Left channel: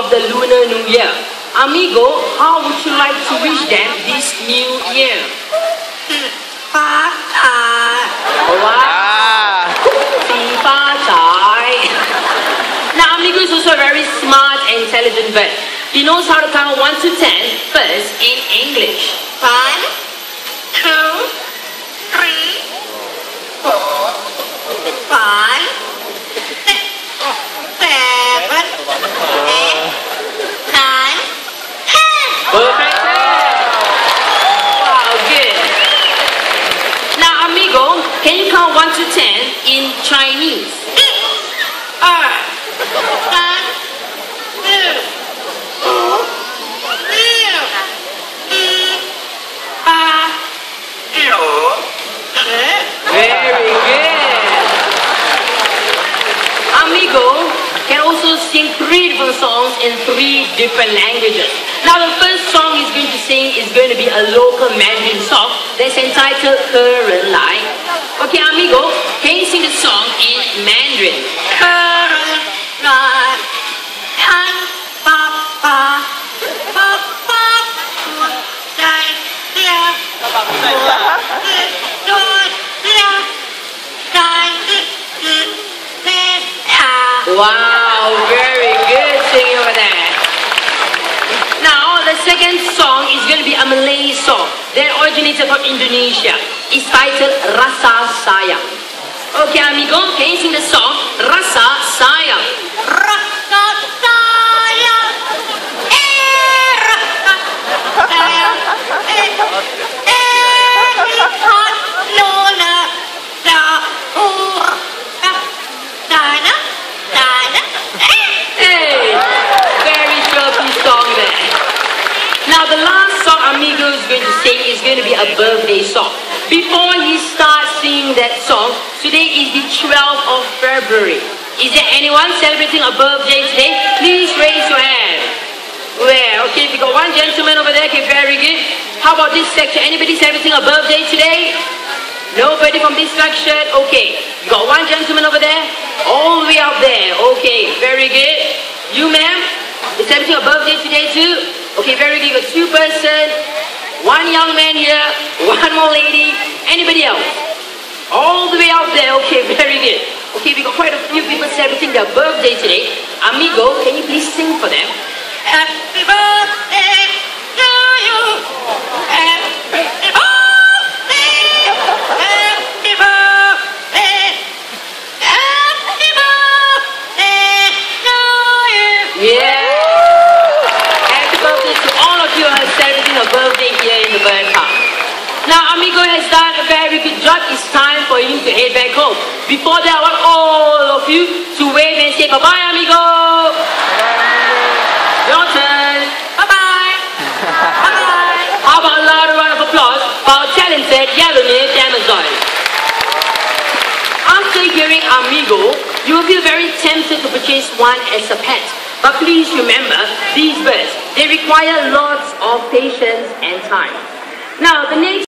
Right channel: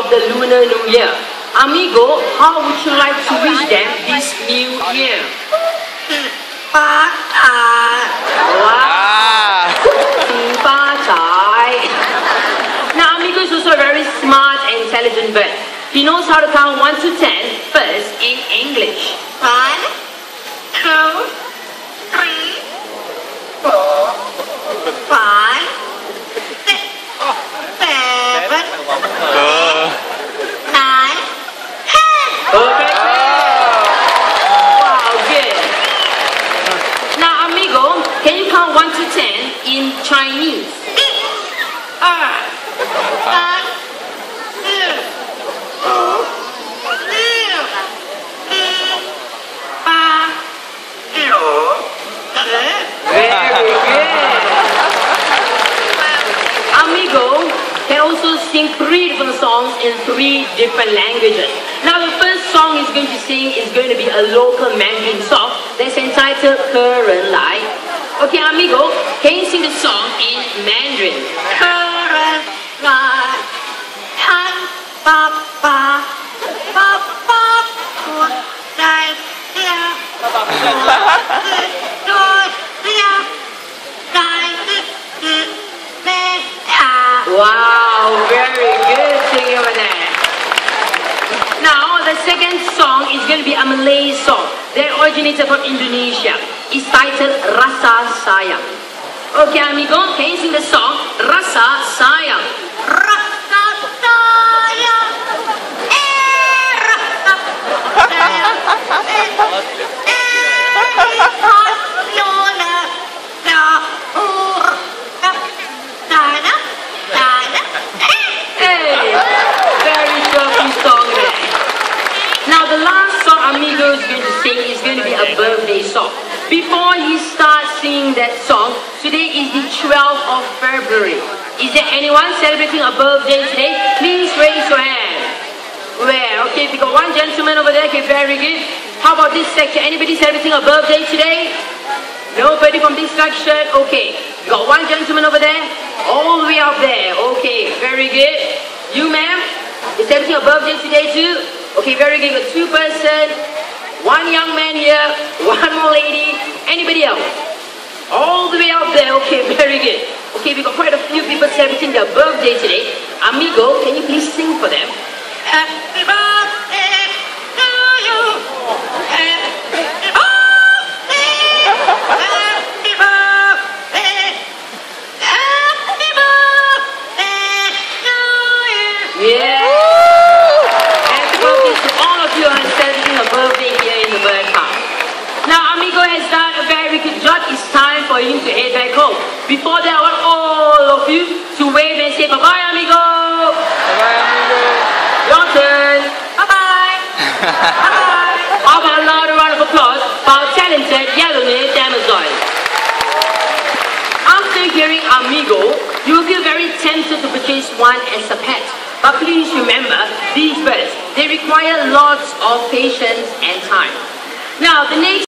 of the Lunar New Year. Amigo, how would you like to wish them this new year? Now, Amigo is also a very smart and intelligent bird. He knows how to count 1 to 10 first in English. 1, 2, 3, 4, 5, 6, 7, 8, 9, 10. Perfect. Wow, good. Now, Amigo, can you count 1 to 10 in Chinese? 2, 3, 4, 5, 6, 7, 8, 9, 10. Very good. Amigo can also sing 3 different songs in 3 different languages. Now the first song he's going to sing is going to be a local Mandarin song that's entitled Ke Ren Lai. Okay, Amigo, can you sing the song in Mandarin? Wow, very good singing over there. Now, the second song is going to be a Malay song that originated from Indonesia. It's titled Rasa Sayang. Okay, Amigo, can you sing the song Rasa Sayang? Rasa sayang, Hey, very shorty song there. Now the last song Amigo is going to sing is going to be a birthday song. Before he starts singing that song, today is the 12th of February. Is there anyone celebrating a birthday today? Please raise your hand. There, okay, if you got one gentleman over there, okay, very good. How about this section? Anybody celebrating a birthday today? Nobody from this section? Okay. You got one gentleman over there? All the way up there. Okay, very good. You, ma'am? You're celebrating a birthday today too? Okay, very good. You got 2 persons. 1 young man here. 1 more lady. Anybody else? All the way up there. Okay, very good. Okay, we got quite a few people celebrating their birthday today. Amigo, can you please sing for them? Happy birthday to you. Happy birthday. Happy birthday. Happy birthday to you. Yeah. Happy birthday to all of you who are celebrating a birthday here in the bird park. Now, Amigo has done a very good job. It's time for you to head back home. Before that, I want all of you to wave and say bye-bye, Amigo. Your turn. Bye-bye. Bye-bye. How about a loud round of applause for our talented yellow-eared Amazon? After hearing Amigo, you will feel very tempted to purchase one as a pet. But please remember, these birds, they require lots of patience and time. Now, the next